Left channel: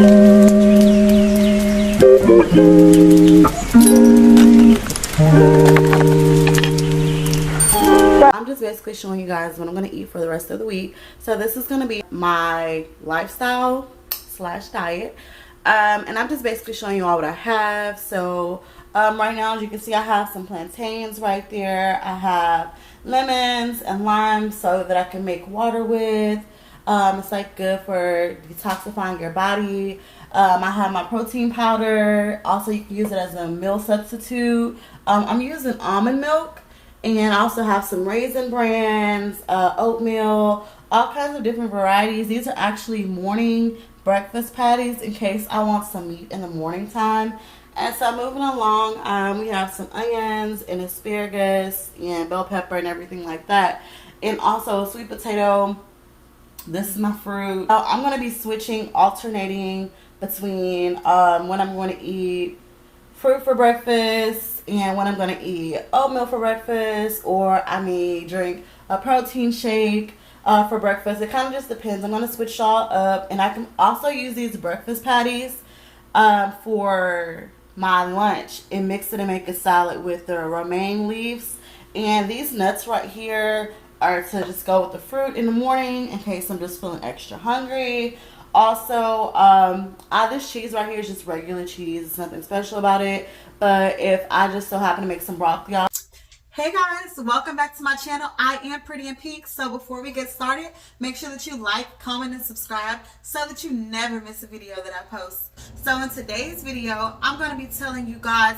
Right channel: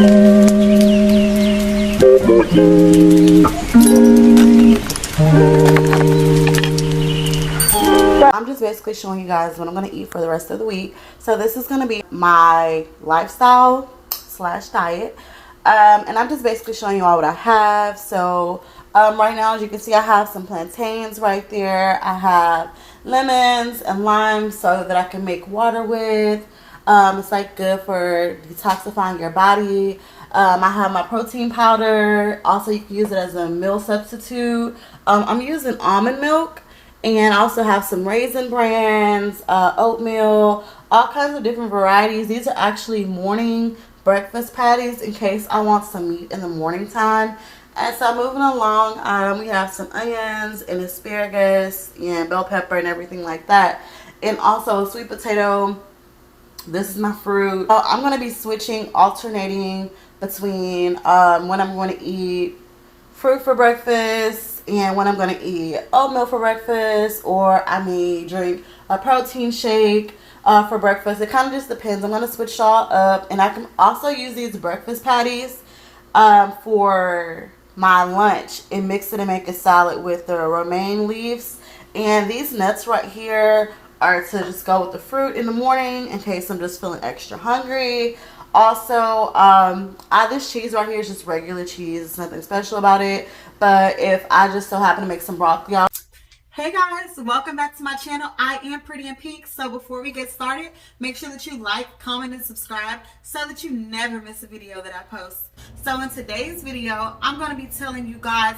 I'm just basically showing you guys what I'm going to eat for the rest of the week. So this is going to be my lifestyle slash diet. And I'm just basically showing you all what I have. So right now, as you can see, I have some plantains right there. I have lemons and limes so that I can make water with. It's like good for detoxifying your body. I have my protein powder. Also, you can use it as a meal substitute. I'm using almond milk. And I also have some Raisin Brands, oatmeal, all kinds of different varieties. These are actually morning breakfast patties in case I want some meat in the morning time. And so moving along, we have some onions and asparagus and bell pepper and everything like that. And also a sweet potato. This is my fruit. I'm going to be switching, alternating between when I'm going to eat fruit for breakfast and when I'm going to eat oatmeal for breakfast, or I may drink a protein shake for breakfast. It kind of just depends. I'm going to switch all up, and I can also use these breakfast patties for my lunch and mix it and make a salad with the romaine leaves. And these nuts right here are to just go with the fruit in the morning in case I'm just feeling extra hungry. Also, this cheese right here is just regular cheese. It's nothing special about it. But if I just so happen to make some broccoli out. Hey guys, welcome back to my channel. I am Pretty in Pink. So before we get started, make sure that you like, comment, and subscribe so that you never miss a video that I post. So in today's video, I'm going to be telling you guys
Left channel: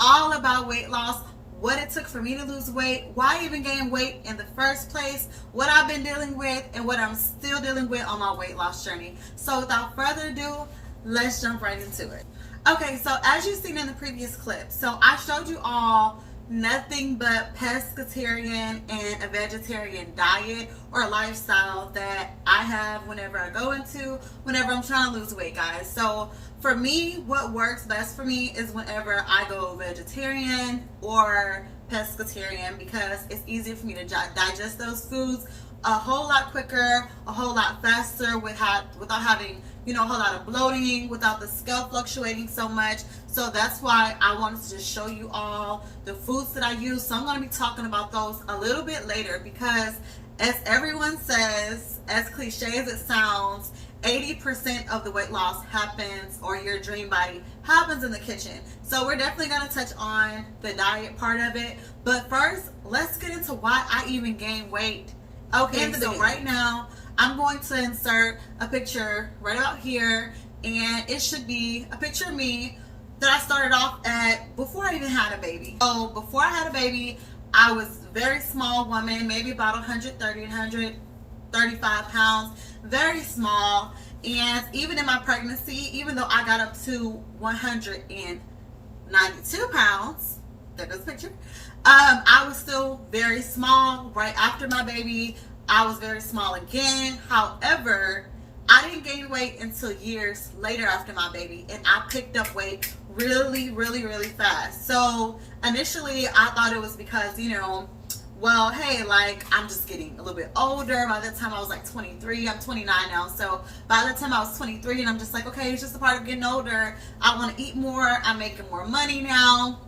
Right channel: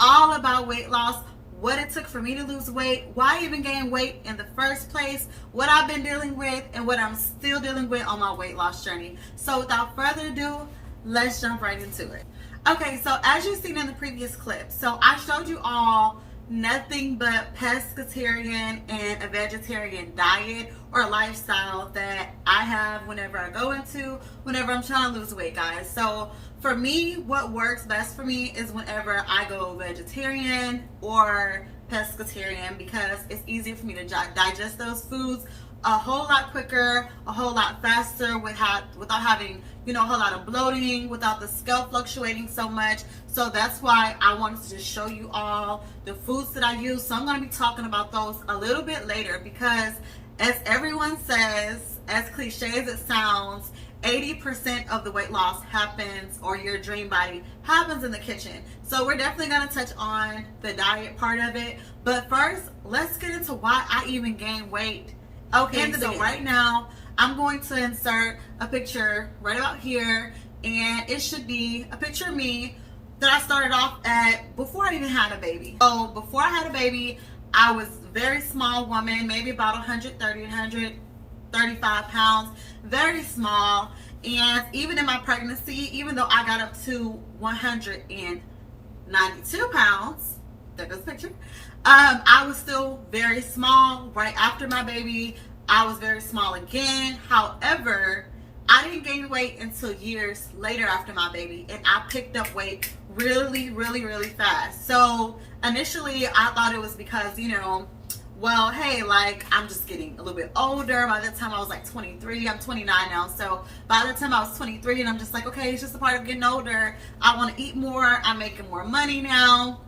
all about weight loss, what it took for me to lose weight, why I even gained weight in the first place, what I've been dealing with, and what I'm still dealing with on my weight loss journey. So without further ado, let's jump right into it. Okay, so as you've seen in the previous clip, so I showed you all nothing but pescatarian and a vegetarian diet or lifestyle that I have whenever I'm trying to lose weight, guys. So for me, what works best for me is whenever I go vegetarian or pescatarian, because it's easier for me to digest those foods a whole lot quicker, a whole lot faster, without having, a whole lot of bloating, without the scale fluctuating so much. So that's why I wanted to just show you all the foods that I use. So I'm going to be talking about those a little bit later, because as everyone says, as cliche as it sounds, 80% of the weight loss happens, or your dream body happens, in the kitchen. So we're definitely going to touch on the diet part of it. But first, let's get into why I even gained weight. Okay, so right now, I'm going to insert a picture right about here, and it should be a picture of me that I started off at before I even had a baby. So before I had a baby, I was a very small woman, maybe about 130, 135 pounds, very small. And even in my pregnancy, even though I got up to 192 pounds, there goes the picture, I was still very small. Right after my baby, I was very small again. However, I didn't gain weight until years later after my baby, and I picked up weight really, really, really fast. So initially, I thought it was because, well, hey, like, I'm just getting a little bit older. By the time I was like 23, I'm 29 now. So by the time I was 23, and I'm just like, okay, it's just a part of getting older. I want to eat more. I'm making more money now.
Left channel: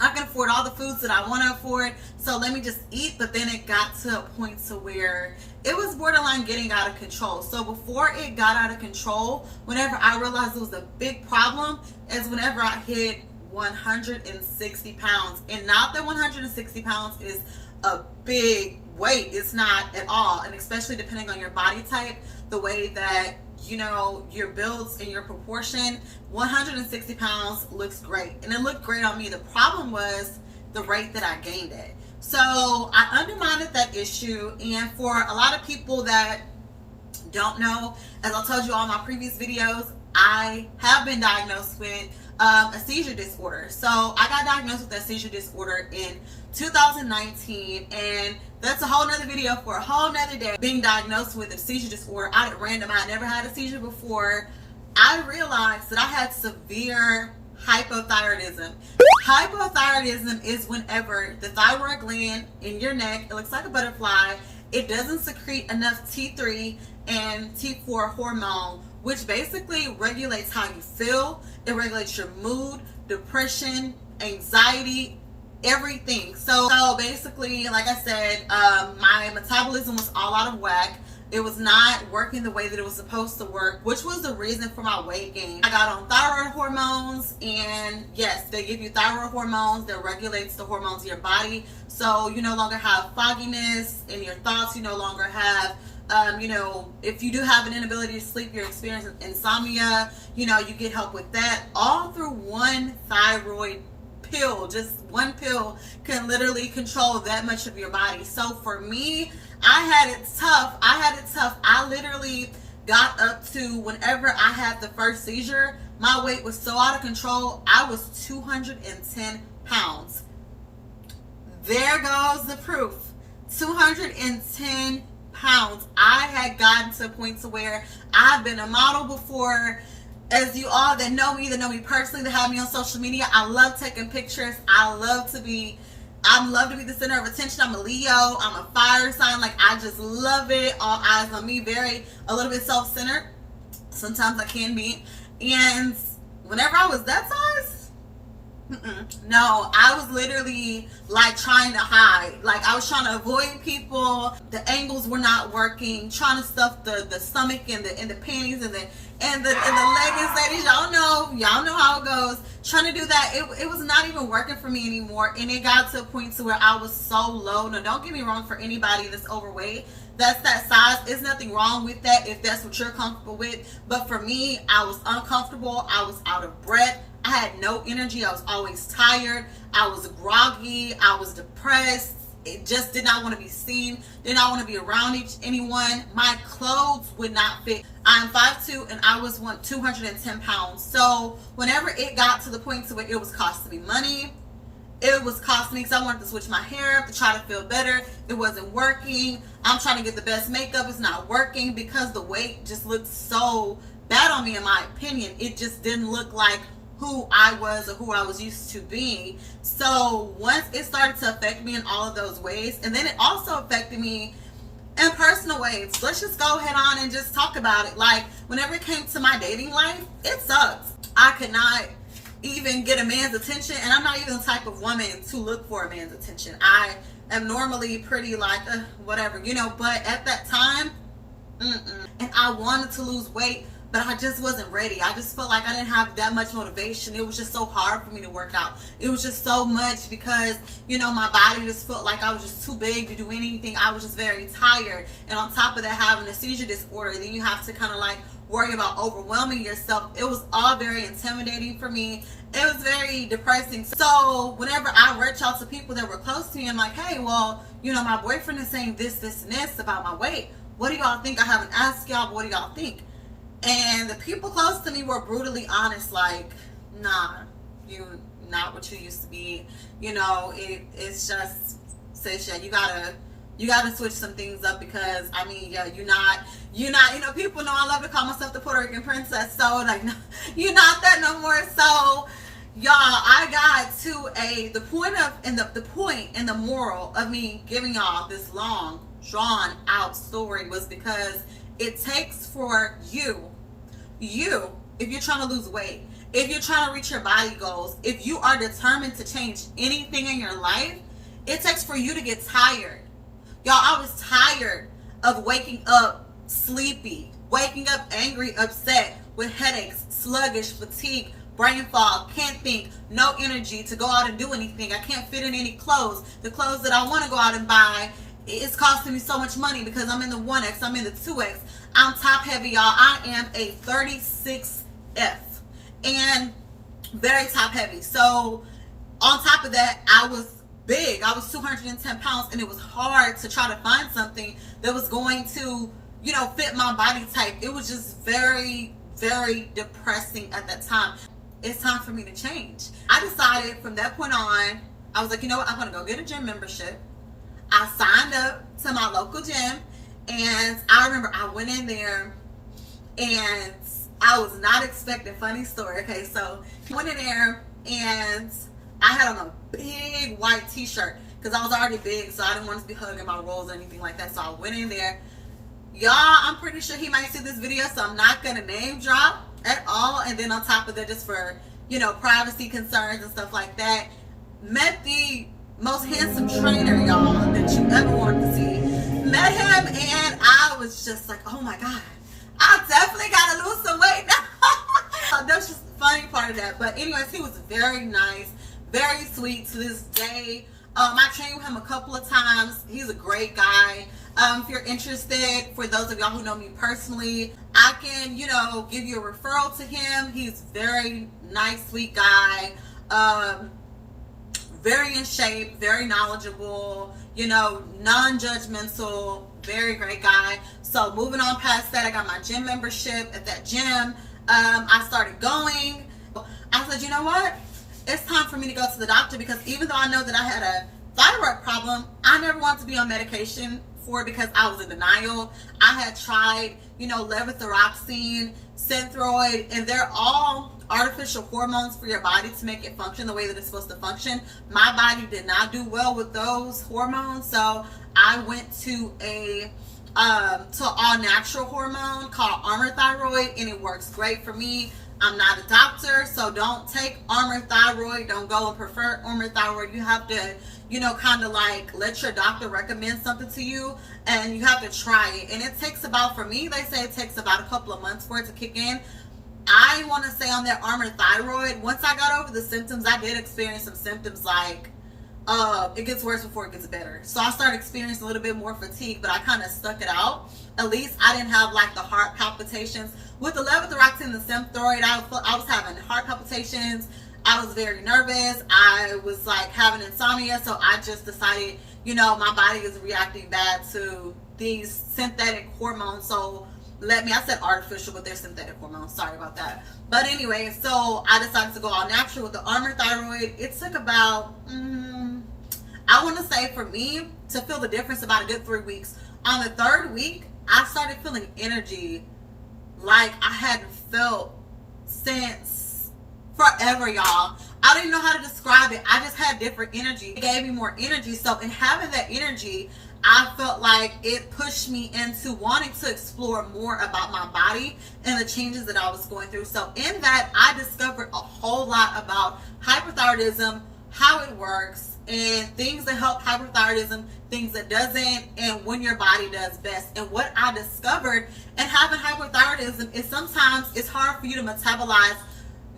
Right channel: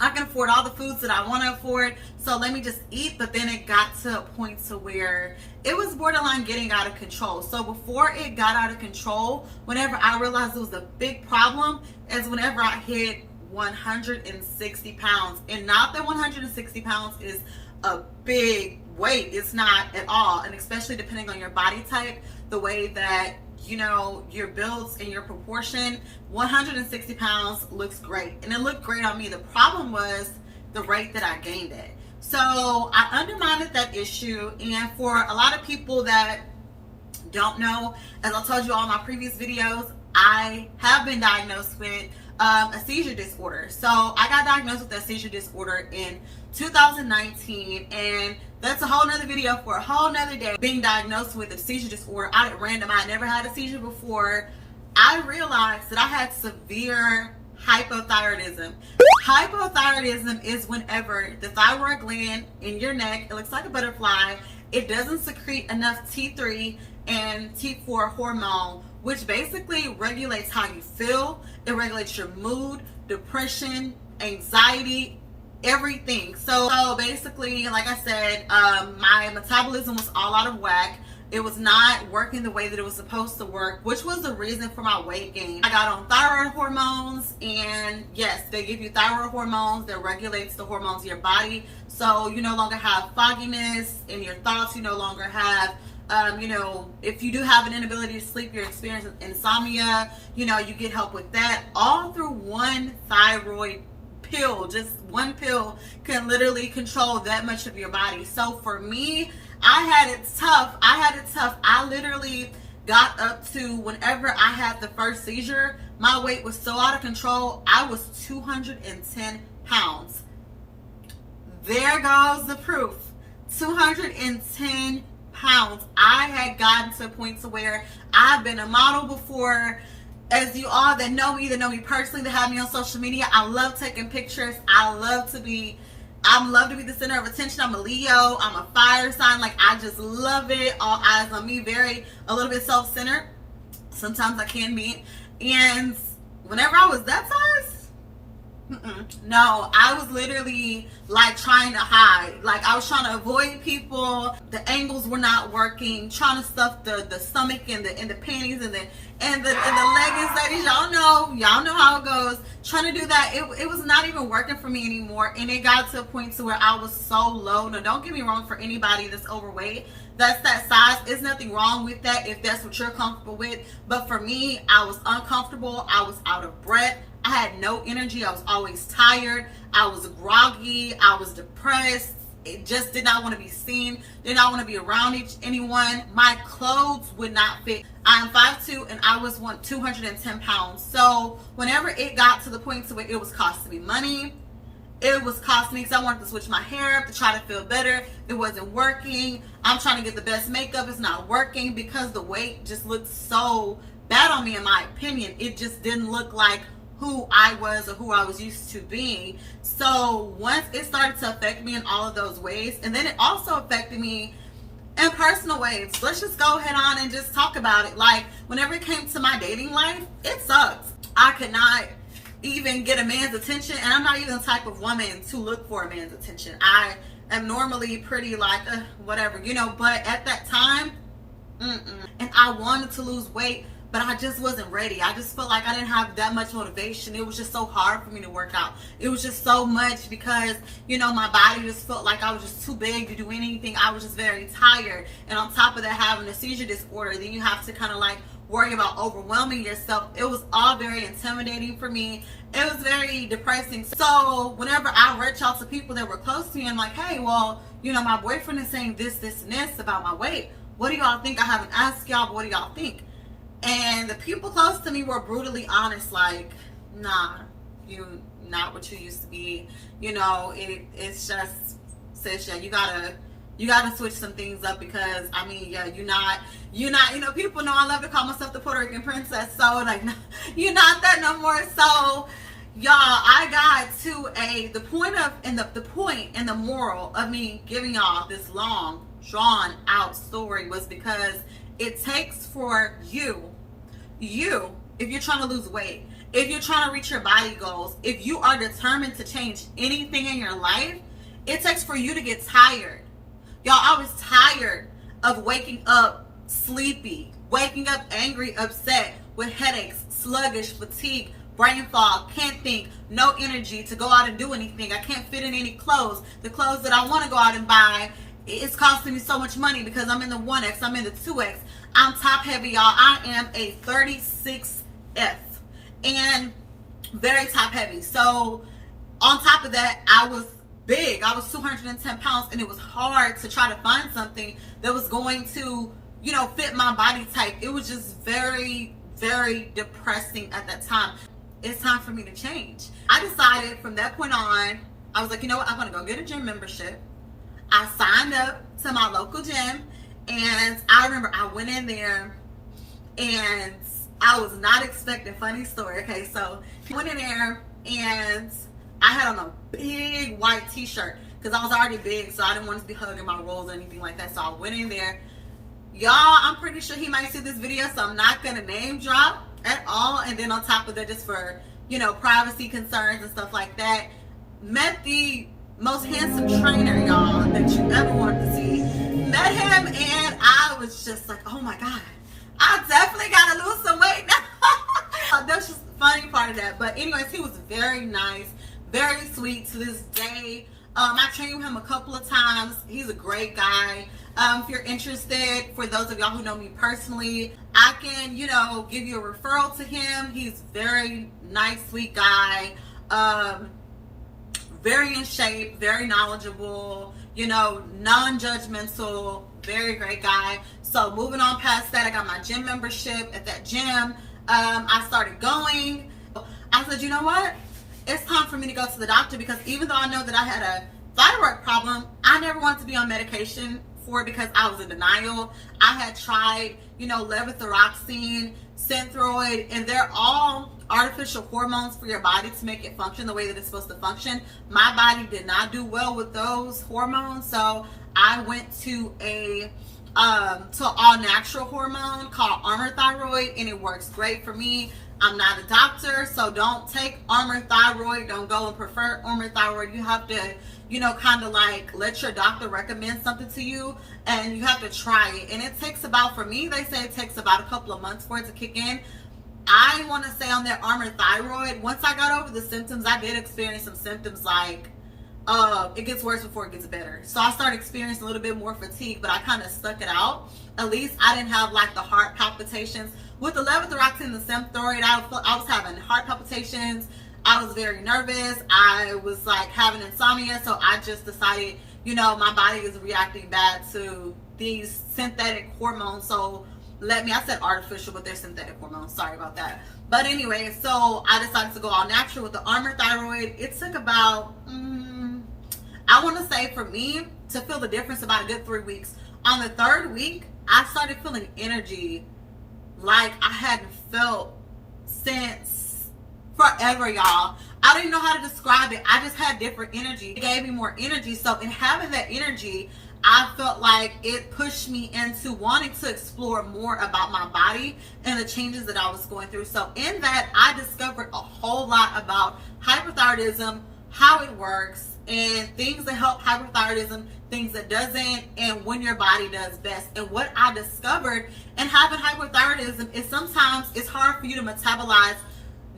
I can afford all the foods that I want to afford, so let me just eat. But then it got to a point to where it was borderline getting out of control. So before it got out of control, whenever I realized it was a big problem, is whenever I hit 160 pounds. And not that 160 pounds is a big weight. It's not at all. And especially depending on your body type, the way that your builds and your proportion, 160 pounds looks great, and it looked great on me. The problem was the rate that I gained it. So I undermined that issue. And for a lot of people that don't know, as I told you all in my previous videos, I have been diagnosed with a seizure disorder. So I got diagnosed with that seizure disorder in 2019, and that's a whole nother video for a whole nother day. Being diagnosed with a seizure disorder out at random, I never had a seizure before. I realized that I had severe hypothyroidism. Hypothyroidism is whenever the thyroid gland in your neck, it looks like a butterfly, it doesn't secrete enough T3 and T4 hormone which basically regulates how you feel. It regulates your mood, depression, anxiety, everything. So basically, like I said, my metabolism was all out of whack. It was not working the way that it was supposed to work, which was the reason for my weight gain. I got on thyroid hormones, and yes, they give you thyroid hormones that regulates the hormones in your body. So you no longer have fogginess in your thoughts. You no longer have, if you do have an inability to sleep, you're experiencing insomnia, you get help with that, all through one thyroid pill. Just one pill can literally control that much of your body. So for me, I had it tough. I literally got up to, whenever I had the first seizure, my weight was so out of control. I was 210 pounds. There goes the proof. 210 pounds. I had gotten to a point to where I've been a model before. As you all that know me personally, that have me on social media, I love taking pictures. I love to be the center of attention. I'm a Leo. I'm a fire sign. Like, I just love it. All eyes on me. A little bit self-centered. Sometimes I can be. And whenever I was that size, no, I was literally like trying to hide. Like, I was trying to avoid people. The angles were not working. Trying to stuff the stomach and the panties and the leggings, ladies. Y'all know how it goes. Trying to do that, it was not even working for me anymore. And it got to a point to where I was so low. Now, don't get me wrong, for anybody that's overweight, that's that size, there's nothing wrong with that if that's what you're comfortable with. But for me, I was uncomfortable. I was out of breath. I had no energy. I was always tired. I was groggy. I was depressed. It just did not want to be seen. Did not want to be around anyone. My clothes would not fit. I'm 5'2" and I was 210 pounds. So whenever it got to the point to where it was costing me money, it was costing me, because I wanted to switch my hair up to try to feel better. It wasn't working. I'm trying to get the best makeup. It's not working because the weight just looked so bad on me, in my opinion. It just didn't look like who I was or who I was used to being. So once it started to affect me in all of those ways, and then it also affected me in personal ways. Let's just go head on and just talk about it. Like, whenever it came to my dating life, it sucked. I could not even get a man's attention, and I'm not even the type of woman to look for a man's attention. I am normally pretty like, whatever, but at that time, and I wanted to lose weight, but I just wasn't ready. I just felt like I didn't have that much motivation. It was just so hard for me to work out. It was just so much because, my body just felt like I was just too big to do anything. I was just very tired. And on top of that, having a seizure disorder, then you have to kind of like worry about overwhelming yourself. It was all very intimidating for me. It was very depressing. So whenever I reach out to people that were close to me, I'm like, hey, well, my boyfriend is saying this, and this about my weight. What do y'all think? I haven't asked y'all, but what do y'all think? And the people close to me were brutally honest, like, nah, you not what you used to be. It's just, sis, yeah, you gotta switch some things up, because you're not, people know I love to call myself the Puerto Rican princess. So like, no, you're not that no more. So y'all, I got to the point and the moral of me giving y'all this long, drawn out story was because it takes for you, if you're trying to lose weight, if you're trying to reach your body goals, if you are determined to change anything in your life, it takes for you to get tired. Y'all, I was tired of waking up sleepy, waking up angry, upset, with headaches, sluggish, fatigue, brain fog, can't think, no energy to go out and do anything. I can't fit in any clothes. The clothes that I want to go out and buy, it's costing me so much money because I'm in the 1X, I'm in the 2X. I'm top heavy, y'all. I am a 36F and very top heavy. So on top of that, I was big. I was 210 pounds, and it was hard to try to find something that was going to, fit my body type. It was just very, very depressing at that time. It's time for me to change. I decided from that point on, I was like, you know what? I'm going to go get a gym membership. I signed up to my local gym, and I remember I went in there and I was not expecting, funny story. Okay, so I went in there and I had on a big white t-shirt because I was already big, so I didn't want to be hugging my rolls or anything like that. So I went in there Y'all, I'm pretty sure he might see this video, so I'm not gonna name drop at all. And then on top of that, just for, you know, privacy concerns and stuff like that, met the most handsome trainer, y'all, that you ever wanted to see. Met him, and I was just like, oh my god, I definitely gotta lose some weight now. That's just the funny part of that. But anyways, he was very nice, very sweet to this day. I trained with him a couple of times. He's a great guy. If you're interested, for those of y'all who know me personally, I can, you know, give you a referral to him. He's very nice, sweet guy. Very in shape, very knowledgeable, you know, non-judgmental, very great guy. So moving on past that, I got my gym membership at that gym. I started going. I said, you know what? It's time for me to go to the doctor, because even though I know that I had a thyroid problem, I never wanted to be on medication for it because I was in denial. I had tried, you know, levothyroxine, Synthroid, and they're all artificial hormones for your body to make it function the way that it's supposed to function. My body did not do well with those hormones, so I went to a all natural hormone called Armour Thyroid, and it works great for me. I'm not a doctor, so don't take Armour Thyroid. Don't go and prefer Armour Thyroid. You have to, you know, kind of like let your doctor recommend something to you, and you have to try it. And it takes about, for me, they say it takes about a couple of months for it to kick in. I want to say on that Armour Thyroid, once I got over the symptoms, I did experience some symptoms like it gets worse before it gets better. So I started experiencing a little bit more fatigue, but I kind of stuck it out. At least I didn't have like the heart palpitations. With the levothyroxine and the Synthroid, I was having heart palpitations. I was very nervous. I was like having insomnia. So I just decided, you know, my body is reacting bad to these synthetic hormones. So I said artificial, but they're synthetic hormones. Sorry about that. But anyway, so I decided to go all natural with the Armour Thyroid. It took about, I want to say for me to feel the difference, about a good 3 weeks. On the third week, I started feeling energy like I hadn't felt since forever, y'all. I don't even know how to describe it. I just had different energy. It gave me more energy. So in having that energy, I felt like it pushed me into wanting to explore more about my body and the changes that I was going through. So in that, I discovered a whole lot about hypothyroidism, how it works, and things that help hypothyroidism, things that doesn't, and when your body does best. And what I discovered in having hypothyroidism is sometimes it's hard for you to metabolize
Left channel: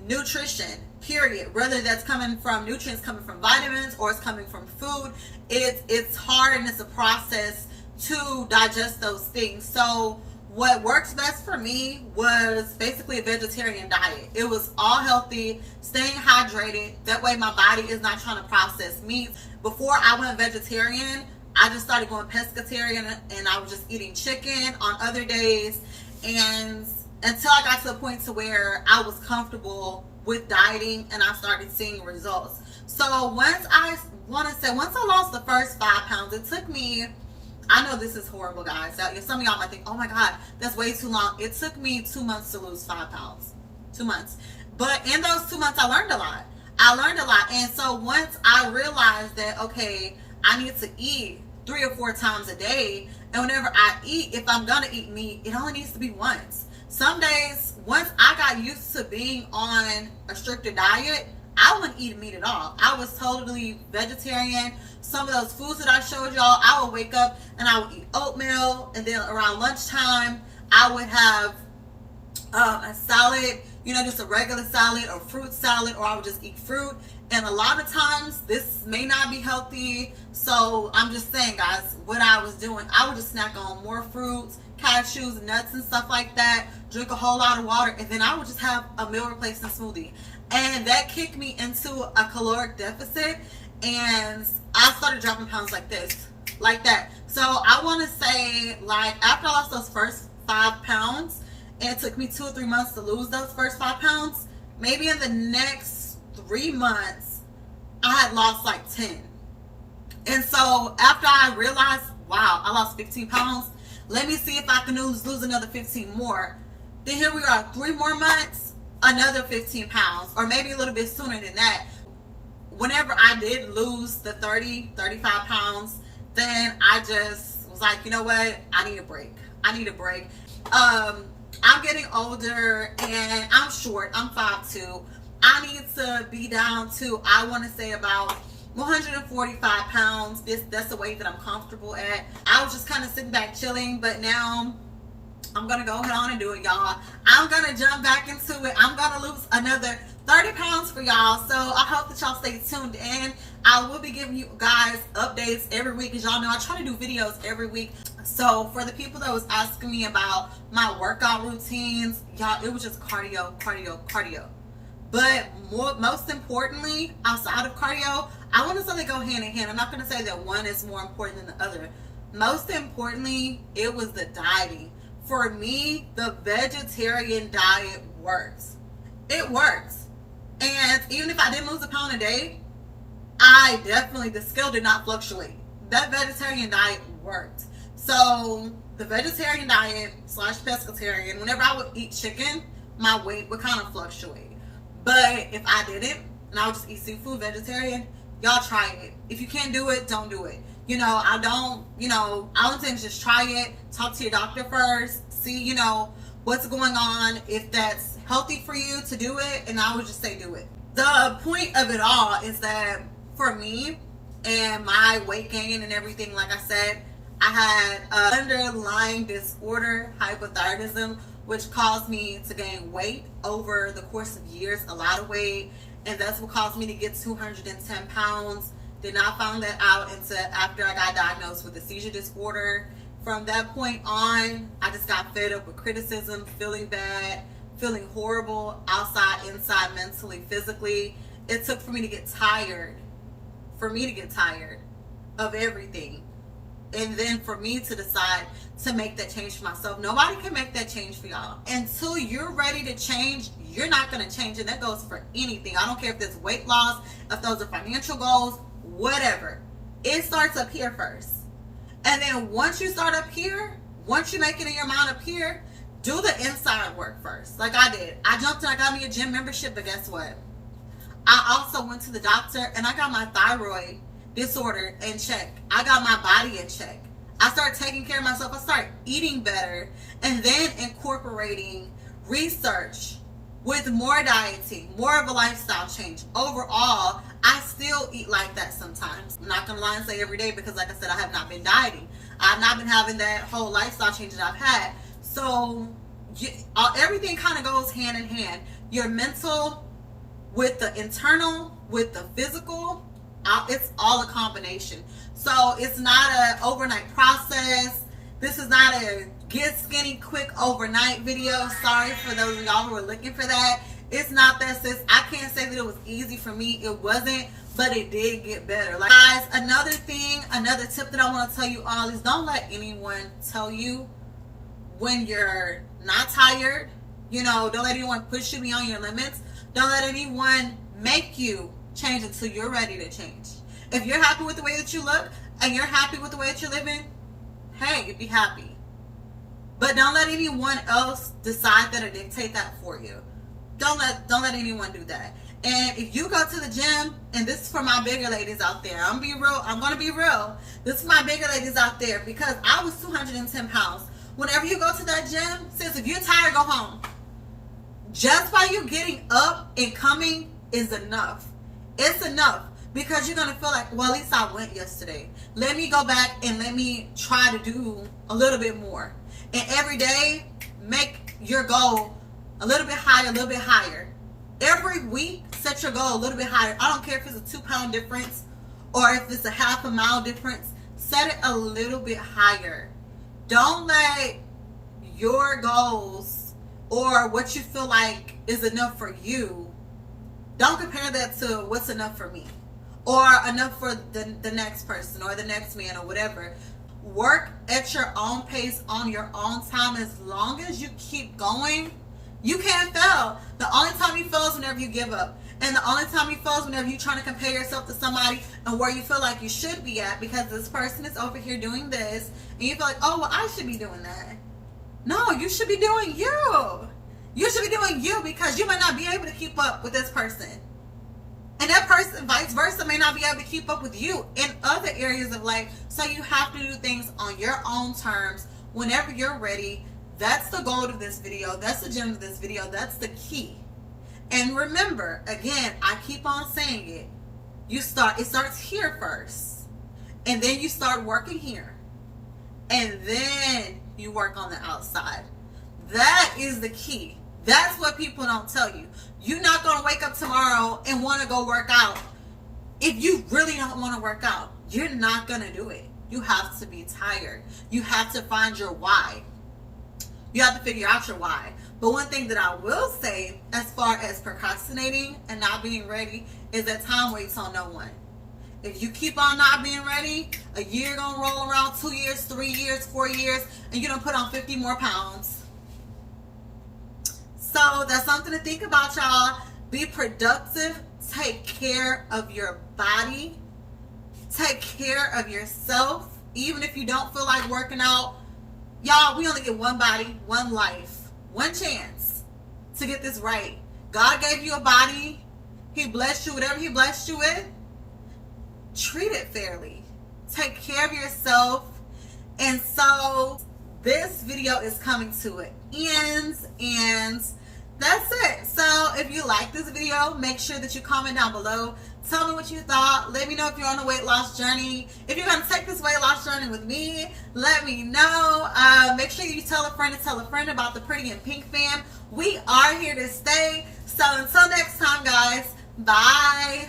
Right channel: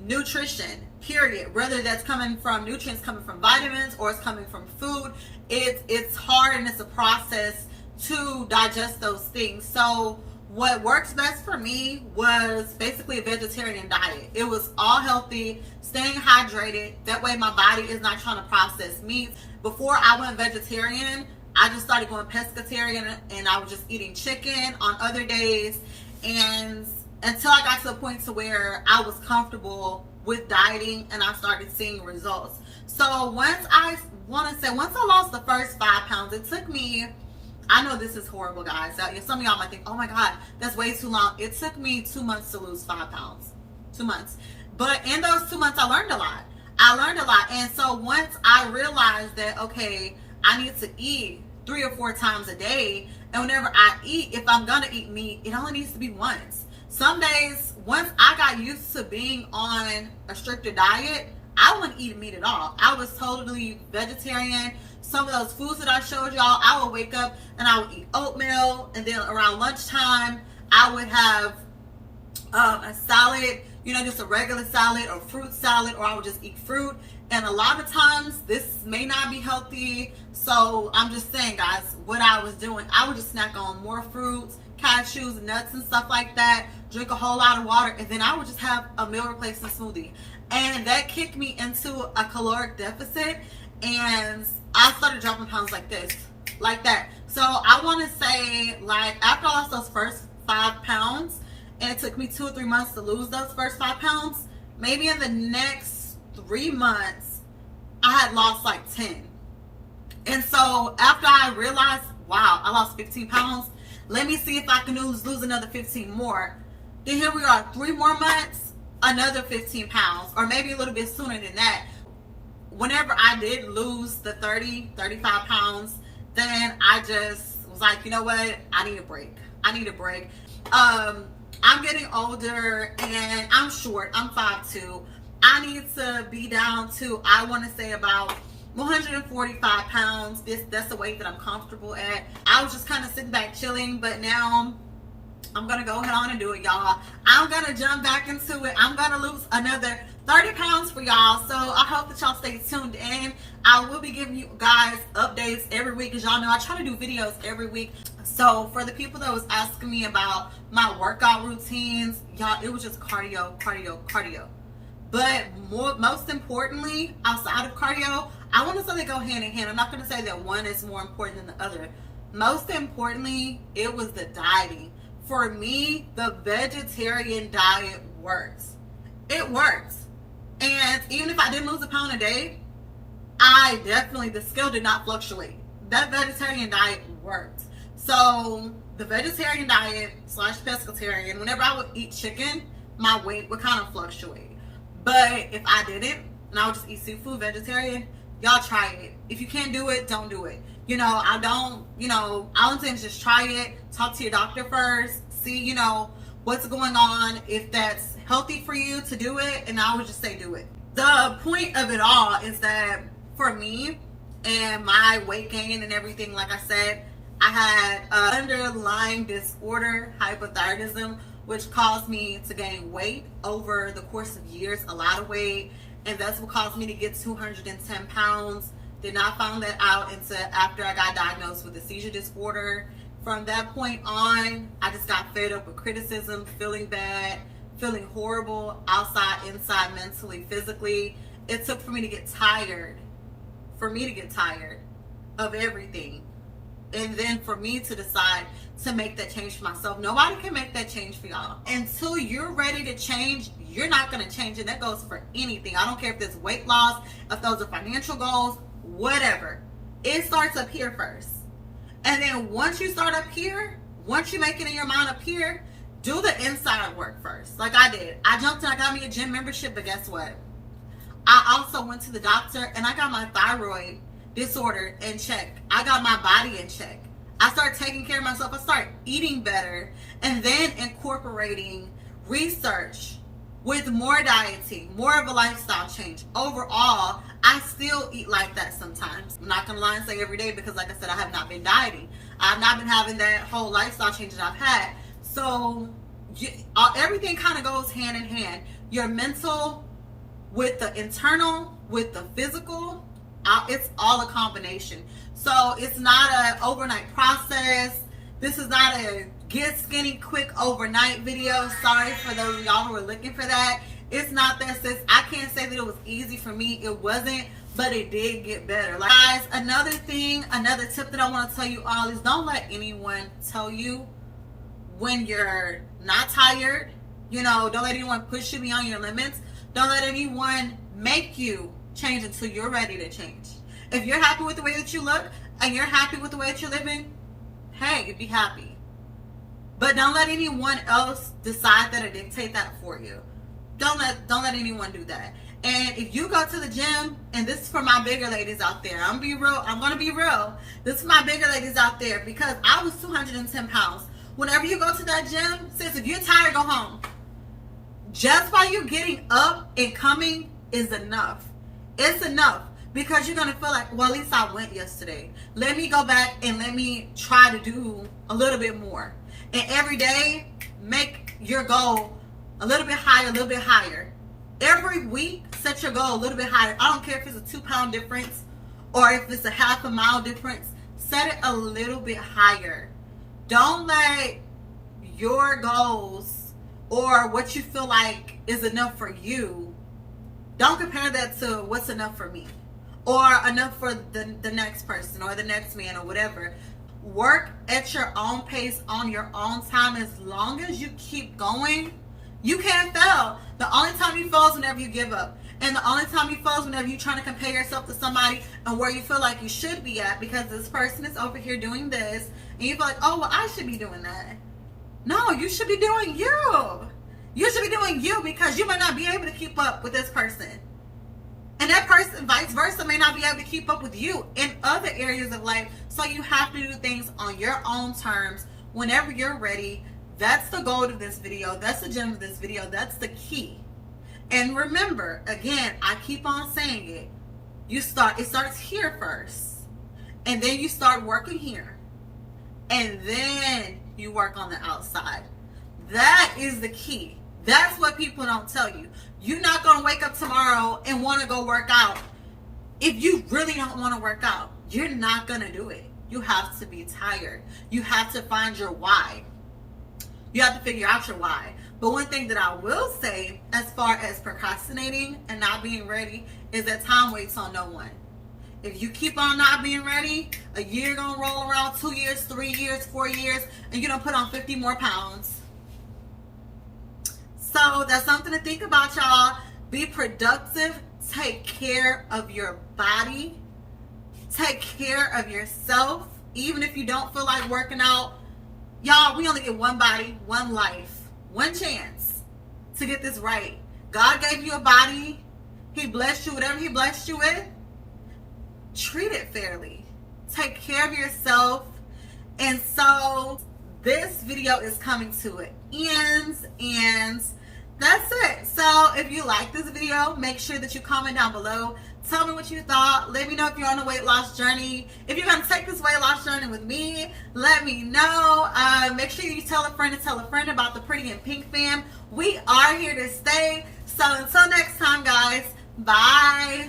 nutrition, period. Whether that's coming from nutrients coming from vitamins or it's coming from food, it's hard, and it's a process to digest those things. So what works best for me was basically a vegetarian diet. It was all healthy, staying hydrated. That way my body is not trying to process meats. Before I went vegetarian, I just started going pescatarian, and I was just eating chicken on other days, and until I got to a point to where I was comfortable with dieting and I started seeing results. So once I lost the first 5 pounds, it took me, I know this is horrible, guys. Some of y'all might think, oh my God, that's way too long. It took me 2 months to lose 5 pounds. 2 months. But in those 2 months, I learned a lot. And so once I realized that, okay, I need to eat 3 or 4 times a day. And whenever I eat, if I'm going to eat meat, it only needs to be once. Some days, once I got used to being on a stricter diet, I wouldn't eat meat at all. I was totally vegetarian. Some of those foods that I showed y'all, I would wake up and I would eat oatmeal, and then around lunchtime, I would have a salad, you know, just a regular salad or fruit salad, or I would just eat fruit. And a lot of times, this may not be healthy. So I'm just saying, guys, what I was doing, I would just snack on more fruits, cashews, nuts, and stuff like that, drink a whole lot of water, and then I would just have a meal replacement smoothie. And that kicked me into a caloric deficit, and I started dropping pounds like this, like that. So I want to say, like, after I lost those first 5 pounds, and it took me 2 or 3 months to lose those first 5 pounds, maybe in the next 3 months, I had lost like 10. And so after I realized, wow, I lost 15 pounds, let me see if I can lose another 15 more. Then here we are, 3 more months, another 15 pounds, or maybe a little bit sooner than that. Whenever I did lose the 35 pounds, then I just was like, you know what? I need a break. I need a break. I'm getting older and I'm short. I'm 5'2". I need to be down to, I want to say, about 145 pounds. That's the weight that I'm comfortable at. I was just kind of sitting back chilling, but now I'm gonna go ahead on and do it, y'all. I'm gonna jump back into it. I'm gonna lose another 30 pounds for y'all. So I hope that y'all stay tuned in. I will be giving you guys updates every week. As y'all know, I try to do videos every week. So for the people that was asking me about my workout routines, y'all, it was just cardio, cardio, cardio. But most importantly, outside of cardio, I want to say they go hand in hand. I'm not going to say that one is more important than the other. Most importantly, it was the dieting. For me, the vegetarian diet works. It works. And even if I didn't lose a pound a day, the scale did not fluctuate. That vegetarian diet worked. So the vegetarian diet / pescatarian, whenever I would eat chicken, my weight would kind of fluctuate. But if I didn't, and I would just eat seafood, vegetarian, y'all try it. If you can't do it, don't do it. I would say just try it. Talk to your doctor first. See, what's going on. If that's healthy for you to do it, and I would just say do it. The point of it all is that for me and my weight gain and everything, like I said, I had an underlying disorder, hypothyroidism, which caused me to gain weight over the course of years, a lot of weight. And that's what caused me to get 210 pounds. Did not find that out until after I got diagnosed with a seizure disorder. From that point on, I just got fed up with criticism, feeling bad, feeling horrible, outside, inside, mentally, physically. It took for me to get tired of everything. And then for me to decide to make that change for myself. Nobody can make that change for y'all. Until you're ready to change, you're not going to change. And that goes for anything. I don't care if it's weight loss, if those are financial goals, whatever. It starts up here first. And then once you start up here, once you make it in your mind up here, do the inside work first. Like I did. I jumped in, I got me a gym membership, but guess what? I also went to the doctor and I got my thyroid disorder in check. I got my body in check. I started taking care of myself. I started eating better and then incorporating research with more dieting, more of a lifestyle change. Overall, I still eat like that sometimes. I'm not gonna lie and say every day because like I said, I have not been dieting. I've not been having that whole lifestyle change that I've had. So everything kind of goes hand in hand. Your mental with the internal, with the physical, it's all a combination. So it's not an overnight process. This is not a get skinny quick overnight video. Sorry for those of y'all who are looking for that. It's not that, sis. I can't say that it was easy for me. It wasn't, but it did get better. Like, guys, another tip that I want to tell you all is don't let anyone tell you when you're not tired. Don't let anyone push you beyond your limits. Don't let anyone make you change until you're ready to change. If you're happy with the way that you look and you're happy with the way that you're living, hey, be happy. But don't let anyone else decide that or dictate that for you. Don't let anyone do that. And if you go to the gym, and this is for my bigger ladies out there, I'm gonna be real. This is for my bigger ladies out there because I was 210 pounds. Whenever you go to that gym, sis, if you're tired, go home. Just by you getting up and coming is enough. It's enough because you're going to feel like, well, at least I went yesterday. Let me go back and let me try to do a little bit more. And every day, make your goal a little bit higher, a little bit higher. Every week, set your goal a little bit higher. I don't care if it's a 2-pound difference or if it's a half a mile difference. Set it a little bit higher. Don't let your goals or what you feel like is enough for you, don't compare that to what's enough for me or enough for the next person or the next man or whatever. Work at your own pace on your own time. As long as you keep going, you can't fail. The only time you fail is whenever you give up. And the only time you fail is whenever you're trying to compare yourself to somebody and where you feel like you should be at because this person is over here doing this and you feel like, oh, well, I should be doing that. No, you should be doing you. You should be doing you because you might not be able to keep up with this person. And that person, vice versa, may not be able to keep up with you in other areas of life. So you have to do things on your own terms whenever you're ready. That's the goal of this video. That's the gem of this video. That's the key. And remember, again, I keep on saying it. It starts here first. And then you start working here. And then you work on the outside. That is the key. That's what people don't tell you. You're not going to wake up tomorrow and want to go work out. If you really don't want to work out, you're not going to do it. You have to be tired. You have to find your why. You have to figure out your why. But one thing that I will say, as far as procrastinating and not being ready, is that time waits on no one. If you keep on not being ready, a year gonna roll around, 2 years, 3 years, 4 years, and you don't put on 50 more pounds. So that's something to think about, y'all. Be productive. Take care of your body. Take care of yourself. Even if you don't feel like working out, y'all, we only get one body, one life, one chance to get this right. God gave you a body. He blessed you, whatever he blessed you with. Treat it fairly. Take care of yourself. And so this video is coming to an end, and that's it. So if you like this video, make sure that you comment down below. Tell me what you thought. Let me know if you're on a weight loss journey. If you're going to take this weight loss journey with me, let me know. Make sure you tell a friend about the Pretty in Pink fam. We are here to stay. So until next time, guys, bye.